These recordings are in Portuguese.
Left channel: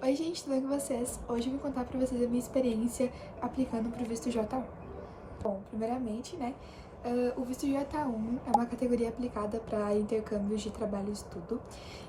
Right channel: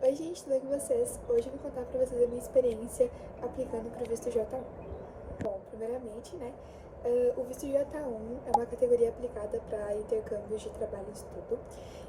Oi gente, tudo bem com vocês? Hoje eu vou contar pra vocês a minha experiência aplicando pro visto J1. Bom, primeiramente, o visto J1 é uma categoria aplicada para intercâmbios de trabalho e estudo.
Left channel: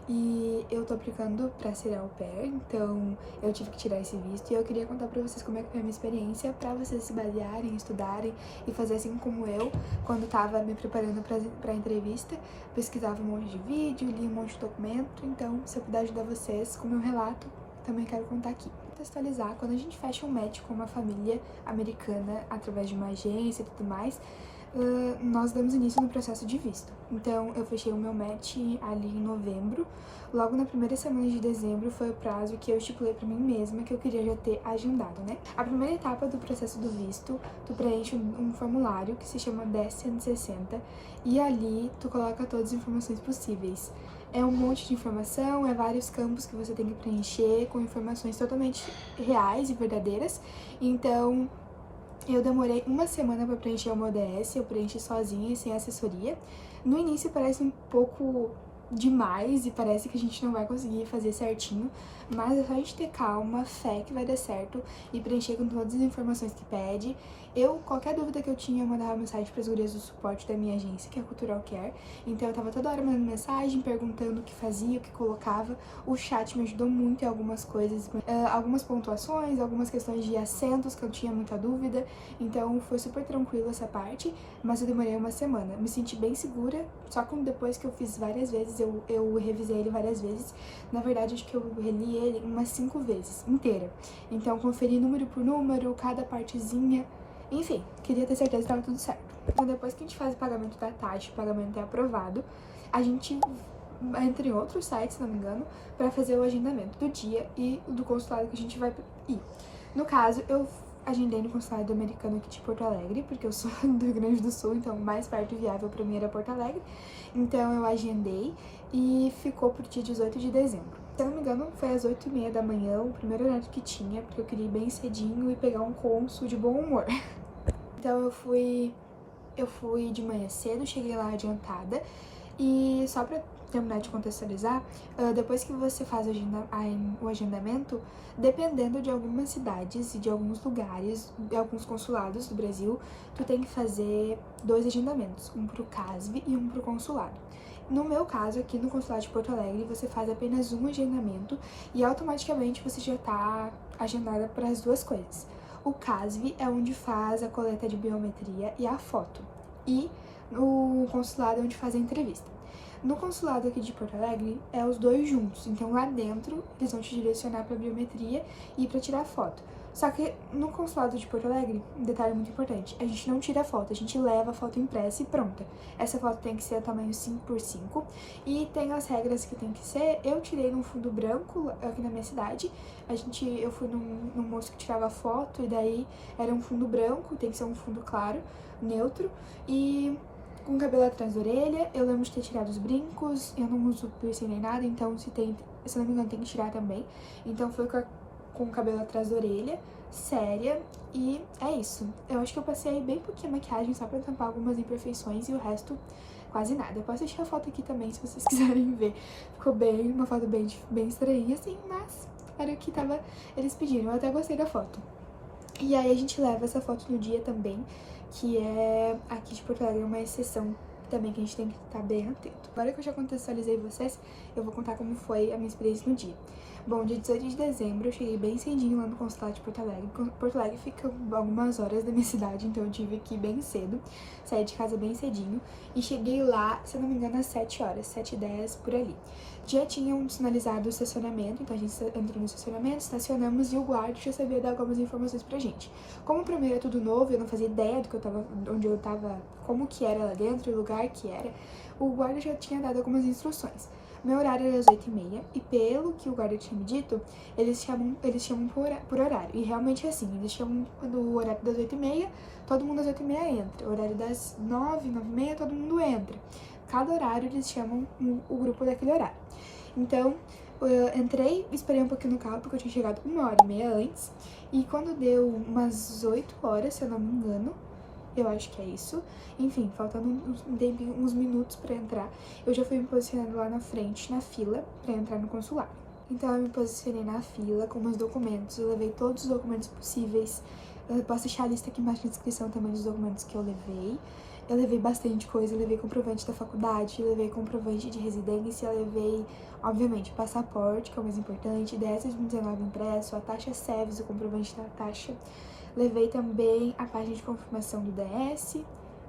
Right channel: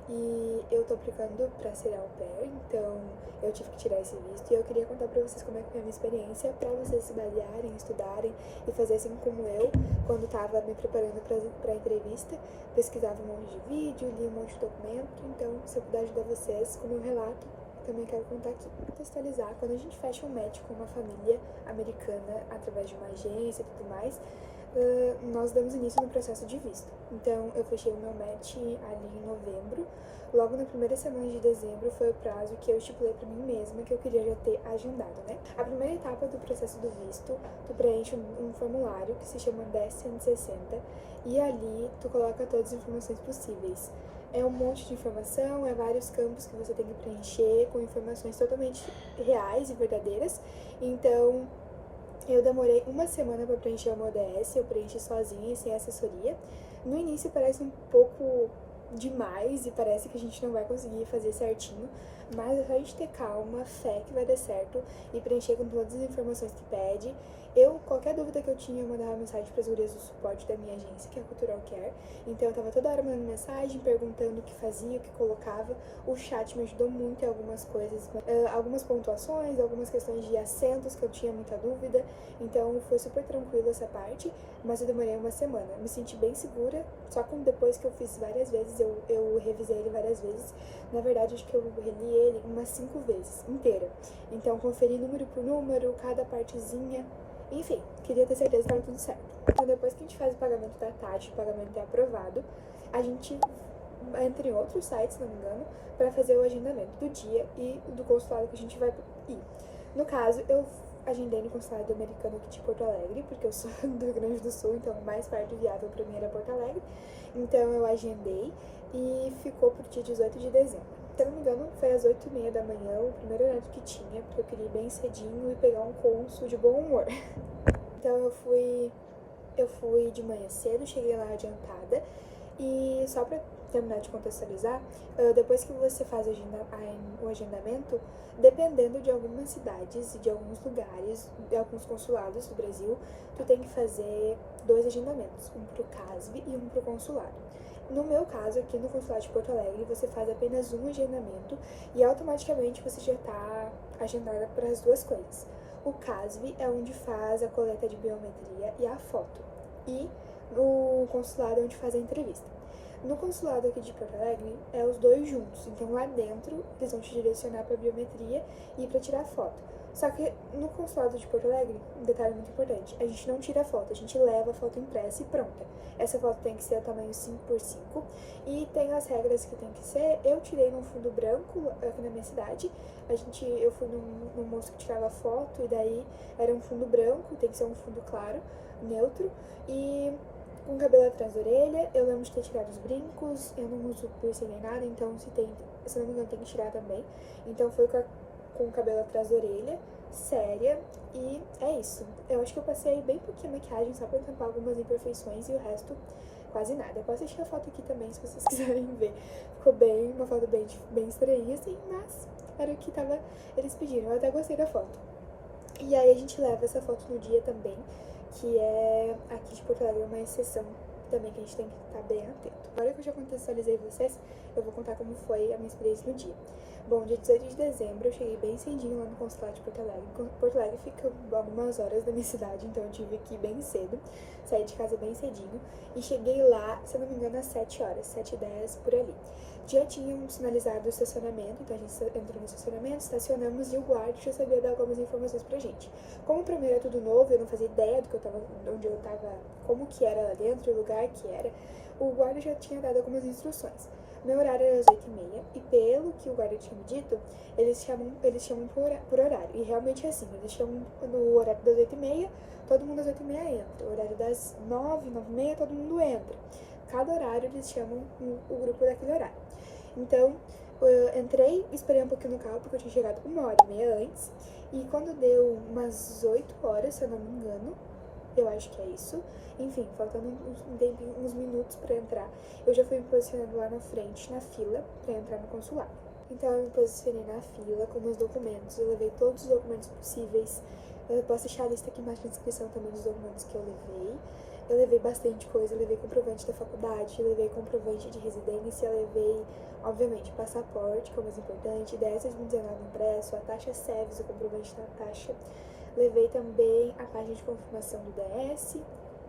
E eu tô aplicando pra ser au pair, então eu tive que tirar esse visto e eu queria contar pra vocês como é que foi a minha experiência, pra vocês se basearem, estudarem e fazer assim como eu, quando tava me preparando pra entrevista, pesquisava um monte de vídeo, li um monte de documento, então se eu puder ajudar vocês com o meu relato, também quero contar aqui. Contextualizar, quando a gente fecha um match com uma família americana através de uma agência e tudo mais, nós damos início no processo de visto. Então, eu fechei o meu match ali em novembro. Logo na primeira semana de dezembro foi o prazo que eu estipulei pra mim mesma que eu queria já ter agendado, né? A primeira etapa do processo do visto, tu preenche um formulário que se chama 1060 e ali tu coloca todas as informações possíveis. É um monte de informação, é vários campos que você tem que preencher com informações totalmente reais e verdadeiras. Então, eu demorei uma semana para preencher o meu ODS, eu preenchi sozinha e sem assessoria. No início parece um pouco demais e parece que a gente não vai conseguir fazer certinho, mas é só a gente ter calma, fé que vai dar certo e preencher com todas as informações que pede. Qualquer dúvida que eu tinha, eu mandava mensagem para as gurias do suporte da minha agência, que é a Cultural Care. Então eu tava toda hora mandando mensagem, perguntando o que fazia, o que colocava. O chat me ajudou muito em algumas coisas, algumas pontuações, algumas questões de acentos que eu tinha muita dúvida. Então foi super tranquilo essa parte, mas eu demorei uma semana. Me senti bem segura, só que depois que eu fiz várias vezes, eu revisei ele várias vezes. Na verdade, acho que eu reli ele umas 5 vezes, inteira. Então conferi número por número, cada partezinha. Enfim, queria ter certeza que estava tudo certo. Então depois que a gente faz o pagamento da taxa, o pagamento é aprovado, a gente entra em outros sites, se não me engano, para fazer o agendamento do dia e do consulado que a gente vai ir. No caso, eu agendei no consulado americano aqui de Porto Alegre, porque eu sou do Rio Grande do Sul, então o mais perto e viável para mim era Porto Alegre. Então eu agendei e ficou pro dia 18 de dezembro. Se eu não me engano, foi às 8h30 da manhã, o primeiro horário que tinha, porque eu queria ir bem cedinho e pegar um cônsul de bom humor. Então eu fui de manhã cedo, cheguei lá adiantada e só pra terminar de contextualizar, depois que você faz o agendamento, dependendo de algumas cidades e de alguns lugares, de alguns consulados do Brasil, tu tem que fazer 2 agendamentos, um pro CASV e um pro consulado. No meu caso, aqui no consulado de Porto Alegre, você faz apenas um agendamento e automaticamente você já tá agendada para as duas coisas. O CASV é onde faz a coleta de biometria e a foto, e o consulado é onde faz a entrevista. No consulado aqui de Porto Alegre, é os dois juntos. Então, lá dentro, eles vão te direcionar para biometria e para tirar foto. Só que no consulado de Porto Alegre, um detalhe muito importante, a gente não tira foto, a gente leva a foto impressa e pronta. Essa foto tem que ser a tamanho 5x5 e tem as regras que tem que ser. Eu tirei num fundo branco aqui na minha cidade. Eu fui num moço que tirava foto e daí era um fundo branco, tem que ser um fundo claro, neutro. E com o cabelo atrás da orelha, eu lembro de ter tirado os brincos, eu não uso piercing nem nada, então se não me engano tem que tirar também. Então foi com o cabelo atrás da orelha, séria, e é isso. Eu acho que eu passei bem pouquinho maquiagem só pra tampar algumas imperfeições e o resto quase nada. Eu posso deixar a foto aqui também se vocês quiserem ver. Ficou uma foto bem estranha assim, mas era o que eles pediram, eu até gostei da foto. E aí a gente leva essa foto no dia também, que é aqui de Porto Alegre, uma exceção também que a gente tem que estar bem atento. Agora que eu já contextualizei vocês, eu vou contar como foi a minha experiência no dia. Bom, dia 18 de dezembro eu cheguei bem cedinho lá no consulado de Porto Alegre. Porto Alegre fica algumas horas da minha cidade, então eu tive que ir bem cedo, saí de casa bem cedinho e cheguei lá, se eu não me engano, às 7 horas, 7h10 por ali. Já tinham sinalizado o estacionamento, então a gente entrou no estacionamento, estacionamos e o guarda já sabia dar algumas informações pra gente. Como pra mim era tudo novo, eu não fazia ideia onde eu tava, como que era lá dentro, o lugar que era, o guarda já tinha dado algumas instruções. Meu horário era às 8h30 e pelo que o guarda tinha me dito, eles chamam por horário. E realmente é assim, eles chamam no horário das 8h30, todo mundo às 8h30 entra. O horário das 9, 9h30, todo mundo entra. Cada horário eles chamam o grupo daquele horário. Então, eu entrei, esperei um pouquinho no carro, porque eu tinha chegado 1h30 antes. E quando deu umas 8 horas, se eu não me engano, eu acho que é isso. Enfim, faltando um tempinho, uns minutos pra entrar, eu já fui me posicionando lá na frente, na fila, pra entrar no consulado. Então eu me posicionei na fila com meus documentos, eu levei todos os documentos possíveis. Eu posso deixar a lista aqui embaixo na descrição também dos documentos que eu levei. Eu levei bastante coisa, eu levei comprovante da faculdade, eu levei comprovante de residência, eu levei, obviamente, passaporte, que é o mais importante, DS 2019 impresso, a taxa SEVES, o comprovante da taxa. Levei também a página de confirmação do DS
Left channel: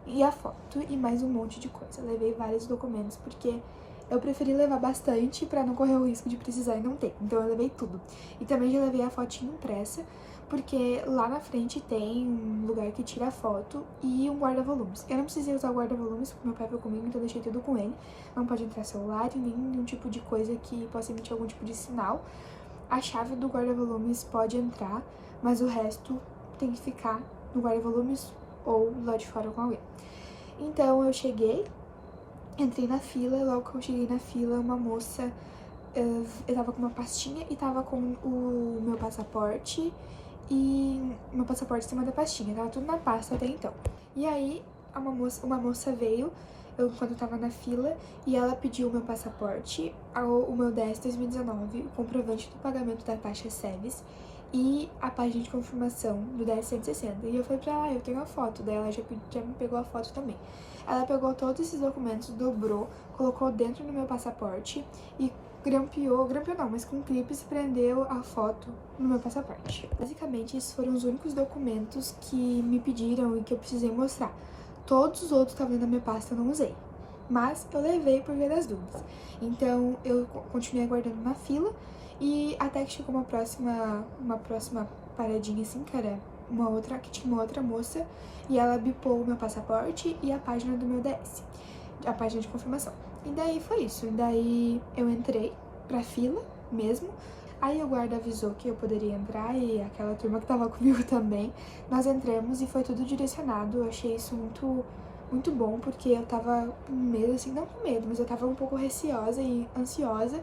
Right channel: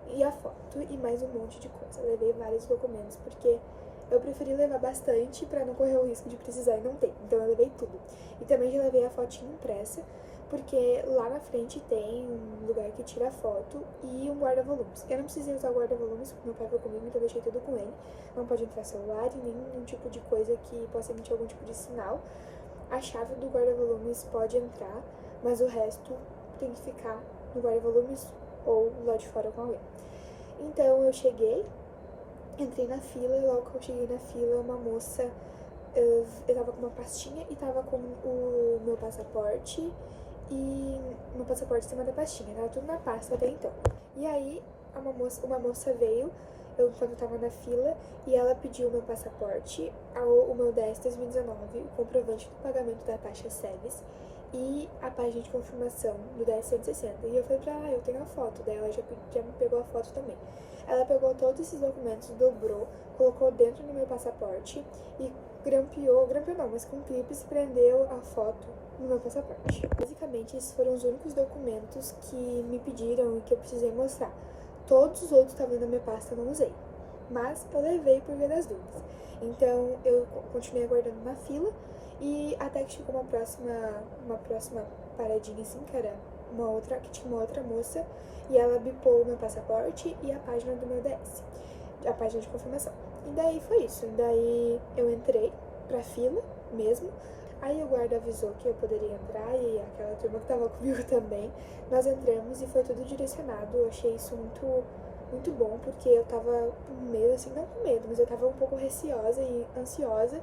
e a foto e mais um monte de coisa. Levei vários documentos porque eu preferi levar bastante pra não correr o risco de precisar e não ter. Então eu levei tudo. E também já levei a fotinha impressa, porque lá na frente tem um lugar que tira foto e um guarda-volumes. Eu não precisei usar o guarda-volumes porque meu pai foi comigo, então eu deixei tudo com ele. Não pode entrar celular e nenhum tipo de coisa que possa emitir algum tipo de sinal. A chave do guarda-volumes pode entrar, mas o resto tem que ficar no guarda-volumes ou lá de fora com alguém. Então eu cheguei, entrei na fila, logo que eu cheguei na fila, uma moça, eu tava com uma pastinha e tava com o meu passaporte e meu passaporte em cima da pastinha, tava tudo na pasta até então. E aí uma moça veio, quando eu tava na fila, e ela pediu o meu passaporte, o meu DS 2019, o comprovante do pagamento da taxa SEVES e a página de confirmação do DS 160. E eu falei pra ela, eu tenho a foto dela, já me pegou a foto também. Ela pegou todos esses documentos, dobrou, colocou dentro do meu passaporte e grampeou não, mas com clipes prendeu a foto no meu passaporte. Basicamente, esses foram os únicos documentos que me pediram e que eu precisei mostrar. Todos os outros que estavam na minha pasta eu não usei, mas eu levei por via das dúvidas. Então, eu continuei aguardando na fila e até que chegou uma próxima paradinha assim, que era que tinha uma outra moça, e ela bipou o meu passaporte e a página do meu DS, a página de confirmação. E daí foi isso, e daí eu entrei pra fila mesmo, aí o guarda avisou que eu poderia entrar e aquela turma que tava comigo também, nós entramos e foi tudo direcionado. Eu achei isso muito bom, porque eu tava com medo, assim, não com medo, mas eu tava um pouco receosa e ansiosa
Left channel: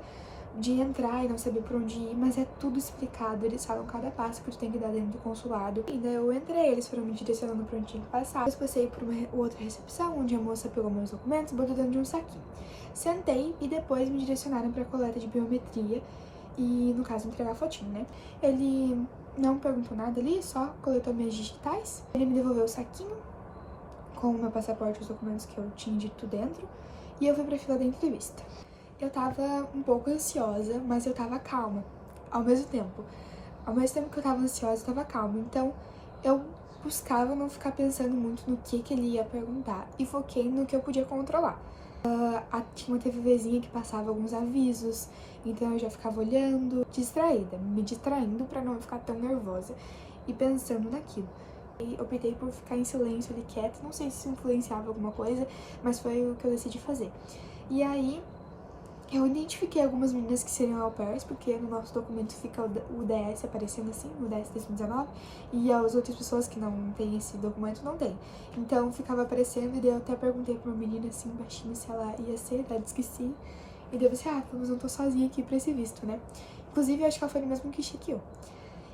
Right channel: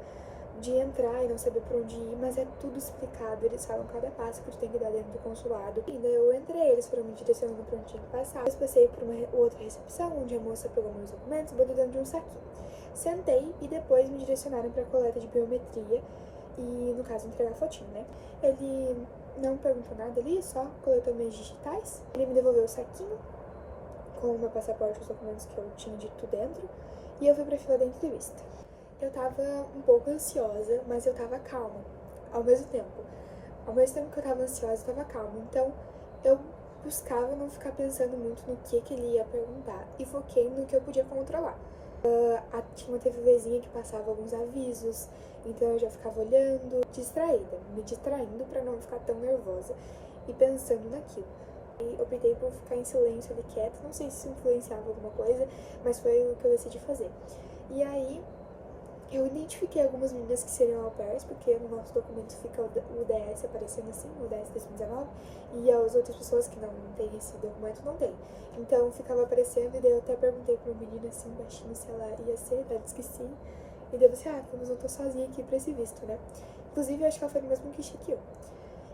de entrar e não saber por onde ir, mas é tudo explicado, eles falam cada passo que tu tem que dar dentro do consulado. E daí eu entrei, eles foram me direcionando pra onde tinha que passar. Depois passei por uma outra recepção, onde a moça pegou meus documentos e botou dentro de um saquinho. Sentei e depois me direcionaram pra coleta de biometria e, no caso, entregar a fotinho, né? Ele não perguntou nada ali, só coletou minhas digitais. Ele me devolveu o saquinho com o meu passaporte e os documentos que eu tinha dito dentro e eu fui pra fila da entrevista. Eu tava um pouco ansiosa, mas eu tava calma, ao mesmo tempo. Ao mesmo tempo que eu tava ansiosa, eu tava calma. Então, eu buscava não ficar pensando muito no que ele ia perguntar e foquei no que eu podia controlar. Tinha uma TVzinha que passava alguns avisos, então eu já ficava olhando, distraída, me distraindo pra não ficar tão nervosa e pensando naquilo. E optei por ficar em silêncio ali quieta, não sei se isso influenciava alguma coisa, mas foi o que eu decidi fazer. E aí, eu identifiquei algumas meninas que seriam au pairs, porque no nosso documento fica o DS aparecendo assim, o DS 2019, e as outras pessoas que não têm esse documento não tem. Então ficava aparecendo, e daí eu até perguntei pra uma menina assim, baixinha, se ela ia ser, daí disse que sim. E daí eu pensei, mas não tô sozinha aqui pra esse visto, né? Inclusive, eu acho que ela foi no mesmo guichê que eu.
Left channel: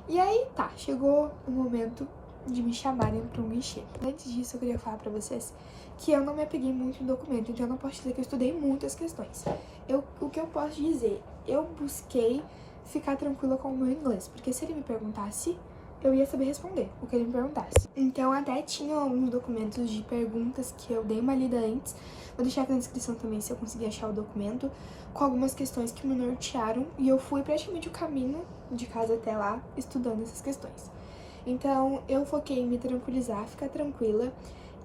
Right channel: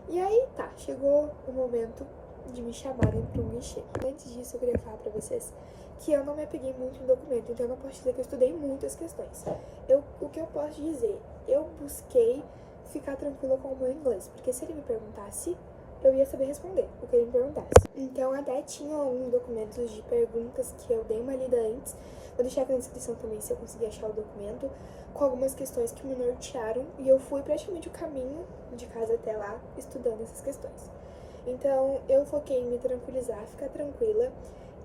E aí, tá, chegou o momento de me chamarem pra um guichê. Antes disso, eu queria falar pra vocês que eu não me apeguei muito no documento, então eu não posso dizer que eu estudei muito as questões. O que eu posso dizer, eu busquei ficar tranquila com o meu inglês, porque se ele me perguntasse, eu ia saber responder o que ele me perguntasse. Então até tinha alguns documentos de perguntas que eu dei uma lida antes, vou deixar aqui na descrição também se eu conseguir achar o documento, com algumas questões que me nortearam, e eu fui praticamente o caminho de casa até lá estudando essas questões. Então eu foquei em me tranquilizar, ficar tranquila,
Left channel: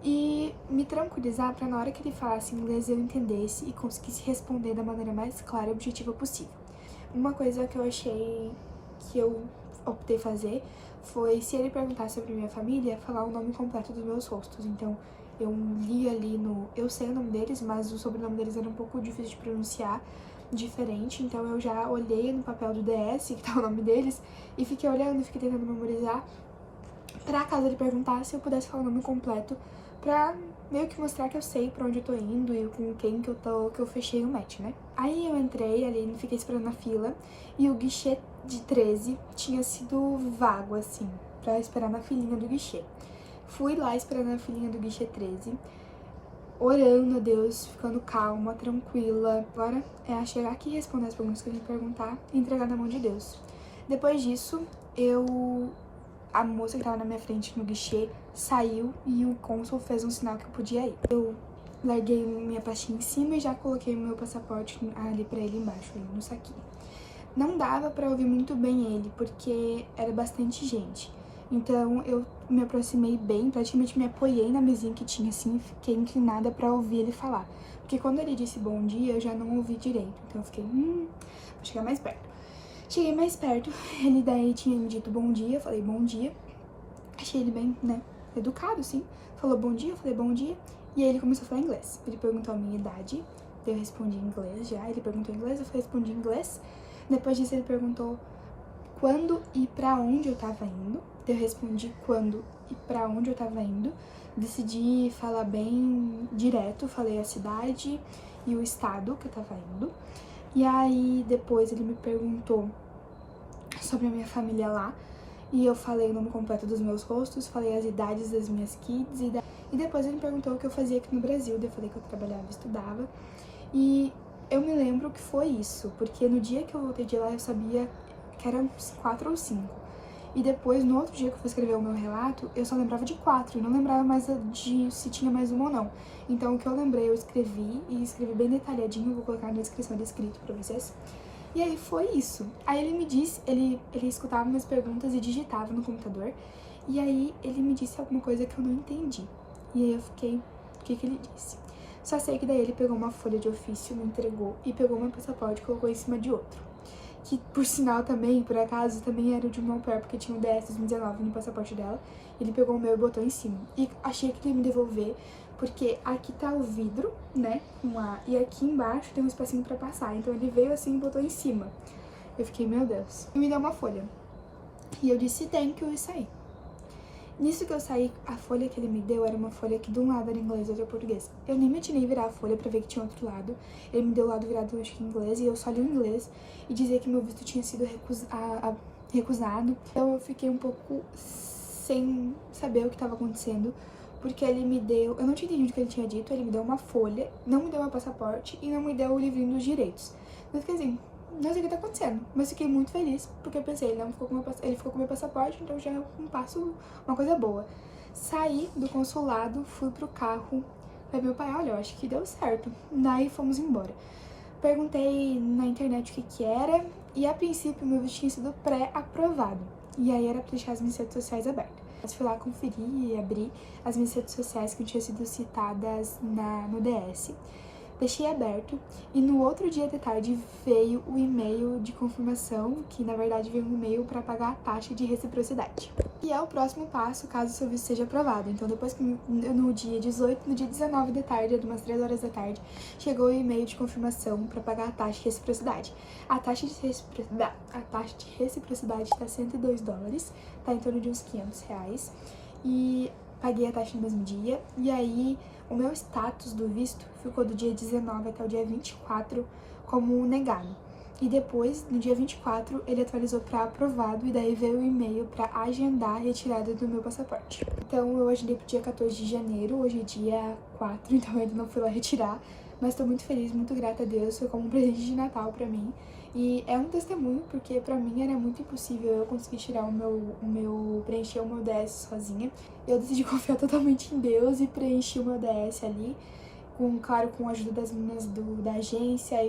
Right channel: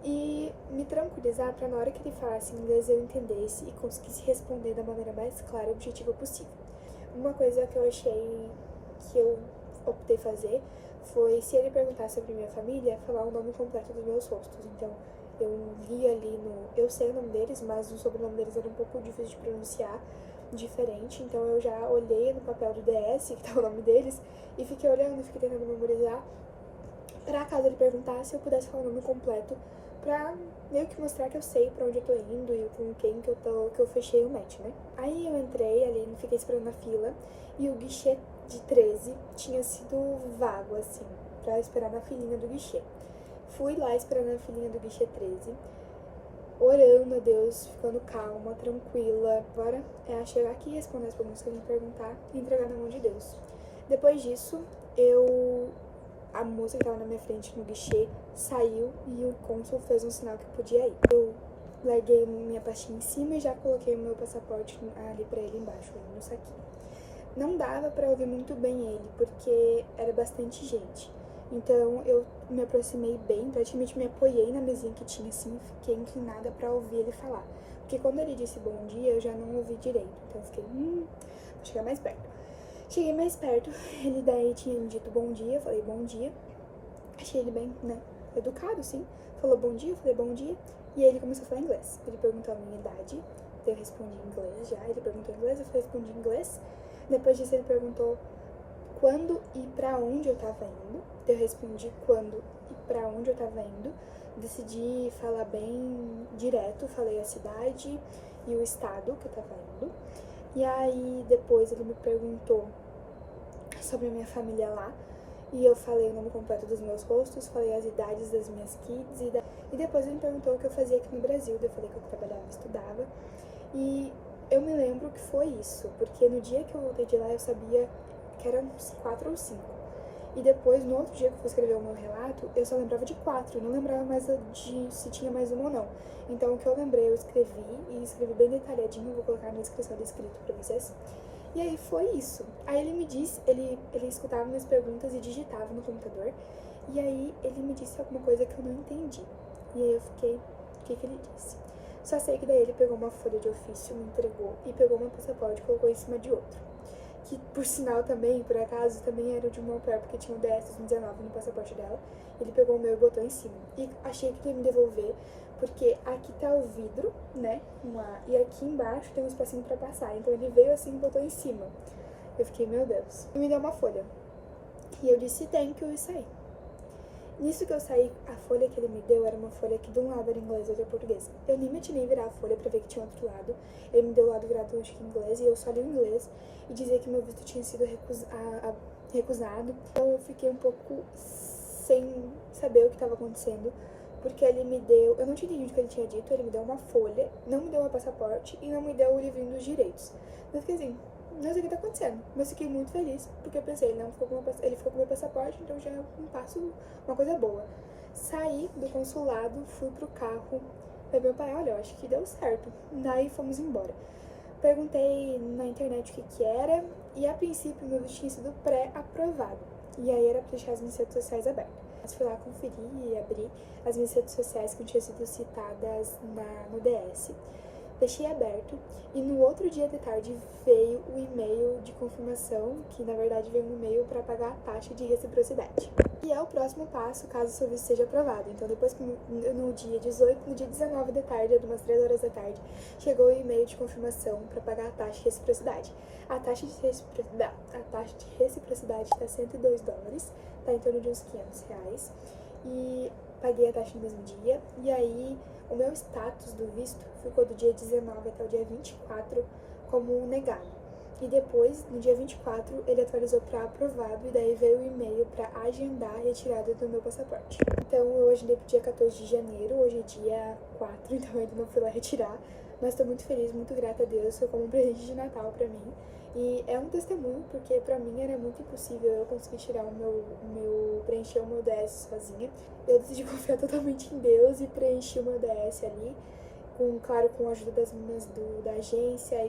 e me tranquilizar para na hora que ele falasse inglês eu entendesse e conseguisse responder da maneira mais clara e objetiva possível. Uma coisa que eu achei que eu optei fazer foi, se ele perguntasse sobre minha família, falar o nome completo dos meus rostos. Então, eu li ali eu sei o nome deles, mas o sobrenome deles era um pouco difícil de pronunciar, diferente. Então, eu já olhei no papel do DS, que tá o nome deles, e fiquei olhando, fiquei tentando memorizar, pra caso ele perguntasse, eu pudesse falar o nome completo, pra meio que mostrar que eu sei pra onde eu tô indo e com quem que eu fechei o match, né? Aí eu entrei ali, fiquei esperando na fila, e o guichê de 13 tinha sido vago, assim, pra esperar na filinha do guichê. Fui lá esperando na filinha do guichê 13, orando a Deus, ficando calma, tranquila. Agora é chegar aqui, responder as perguntas que a gente perguntar e entregar na mão de Deus. Depois disso, a moça que tava na minha frente no guichê saiu e o cônsul fez um sinal que eu podia ir. Eu larguei minha pastinha em cima e já coloquei o meu passaporte ali pra ele embaixo, ali no saquinho. Não dava pra ouvir muito bem ele, porque era bastante gente. Então eu me aproximei bem, praticamente me apoiei na mesinha que tinha assim e fiquei inclinada pra ouvir ele falar. Porque quando ele disse bom dia, eu já não ouvi direito. Então eu fiquei, vou chegar mais perto. Cheguei mais perto, ele daí tinha me dito bom dia, eu falei bom dia. Achei ele bem, né, educado, sim. Falou bom dia, eu falei bom dia. E aí ele começou a falar inglês. Ele perguntou a minha idade, eu respondi em inglês já. Ele perguntou em inglês, eu respondi em inglês. Depois disso ele perguntou quando e pra onde eu tava indo. Eu respondi quando e pra onde eu tava indo. Decidi falar bem direto, falei a cidade e o estado que eu tava indo. E aí depois ele me perguntou sobre a minha família lá. E eu falei o nome completo dos meus rostos, falei as idades das minhas kids. E depois ele me perguntou o que eu fazia aqui no Brasil. Eu falei que eu trabalhava e estudava. E eu me lembro que foi isso, porque no dia que eu voltei de lá eu sabia que eram 4 ou 5. E depois, no outro dia que eu fui escrever o meu relato, eu só lembrava de 4 e não lembrava mais de se tinha mais uma ou não. Então, o que eu lembrei, eu escrevi e escrevi bem detalhadinho, vou colocar na descrição de escrito pra vocês. E aí foi isso. Aí ele me disse, ele escutava minhas perguntas e digitava no computador. E aí ele me disse alguma coisa que eu não entendi. E aí eu fiquei, o que ele disse? Só sei que daí ele pegou uma folha de ofício, me entregou e pegou meu passaporte e colocou em cima de outro. Que, por sinal, também, por acaso, também era de uma au pair, porque tinha um DS 2019 no passaporte dela. Ele pegou o meu e botou em cima. E achei que ele ia me devolver, porque aqui tá o vidro, né, e aqui embaixo tem um espacinho pra passar. Então ele veio assim e botou em cima. Eu fiquei, meu Deus. E me deu uma folha. E eu disse, thank you, e saí. Nisso que eu saí, a folha que ele me deu era uma folha que de um lado era inglês e outro era português. Eu nem me atinei virar a folha pra ver que tinha outro lado. Ele me deu o lado virado, acho que em inglês, e eu só li o inglês e dizia que meu visto tinha sido recusado. Então eu fiquei um pouco sem saber o que estava acontecendo, porque ele me deu... Eu não tinha entendido o que ele tinha dito, ele me deu uma folha, não me deu meu passaporte e não me deu o livrinho dos direitos. Eu fiquei assim, não sei o que tá acontecendo, mas fiquei muito feliz, porque eu pensei, ele ficou com meu passaporte, então já é um passo, uma coisa boa. Saí do consulado, fui pro carro, falei meu pai, olha, eu acho que deu certo. Daí fomos embora. Perguntei na internet o que era, e a princípio meu visto tinha sido pré-aprovado. E aí era pra deixar as minhas redes sociais abertas. Eu fui lá conferir e abrir as minhas redes sociais que tinham sido citadas no DS. Deixei aberto e no outro dia de tarde veio o e-mail de confirmação, que na verdade veio um e-mail para pagar a taxa de reciprocidade. E é o próximo passo caso o seu visto seja aprovado. Então depois que no dia 18, no dia 19 da tarde, umas 3 horas da tarde, chegou o e-mail de confirmação para pagar a taxa de reciprocidade. A taxa de reciprocidade tá $102, tá em torno de uns R$500. E paguei a taxa no mesmo dia, e aí o meu status do visto ficou do dia 19 até o dia 24 como negado. E depois, no dia 24, ele atualizou para aprovado, e daí veio o e-mail para agendar a retirada do meu passaporte. Então eu agendei pro dia 14 de janeiro, hoje é dia 4, então eu ainda não fui lá retirar, mas tô muito feliz, muito grata a Deus, foi como um presente de Natal pra mim. E é um testemunho, porque pra mim era muito impossível eu conseguir tirar preencher o meu DS sozinha. Eu decidi confiar totalmente em Deus e preenchi o meu DS ali, claro, com a ajuda das meninas da agência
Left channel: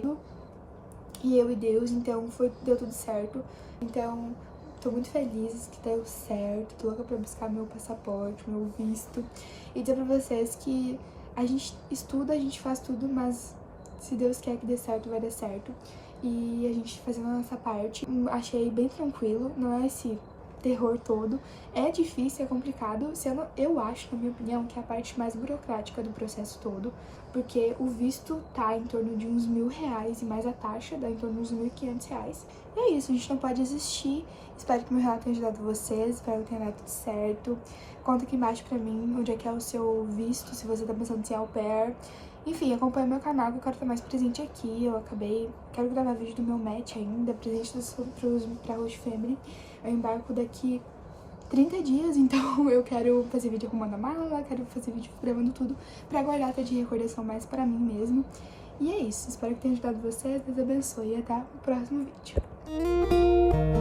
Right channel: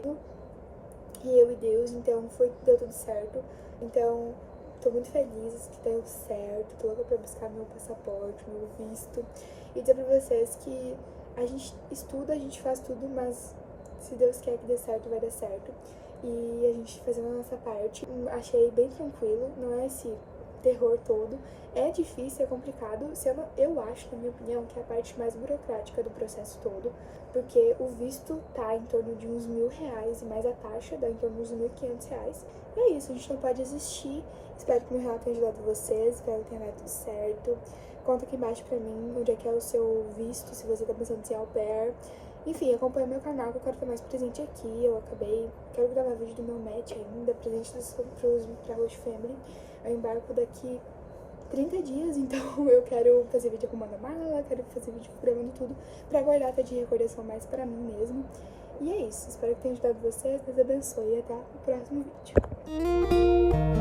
e eu e Deus, então deu tudo certo. Então, tô muito feliz que deu certo, tô louca pra buscar meu passaporte, meu visto. E dizer pra vocês que a gente estuda, a gente faz tudo, mas se Deus quer que dê certo, vai dar certo. E a gente fazendo a nossa parte, achei bem tranquilo, não é esse terror todo. É difícil, é complicado, eu acho, na minha opinião, que é a parte mais burocrática do processo todo, porque o visto tá em torno de uns R$1.000 e mais a taxa dá em torno de uns R$1.500. E é isso, a gente não pode desistir. Espero que meu relato tenha ajudado vocês, espero que tenha dado tudo certo. Conta aqui embaixo pra mim onde é que é o seu visto, se você tá pensando em ser au pair. Enfim, acompanha meu canal que eu quero estar mais presente aqui. Quero gravar vídeo do meu match ainda, presente pra host family. Eu embarco daqui 30 dias, então eu quero fazer vídeo arrumando a mala, quero fazer vídeo gravando tudo pra guardar até de recordação mais pra mim mesmo. E é isso, espero que tenha ajudado vocês, Deus abençoe e até o próximo vídeo.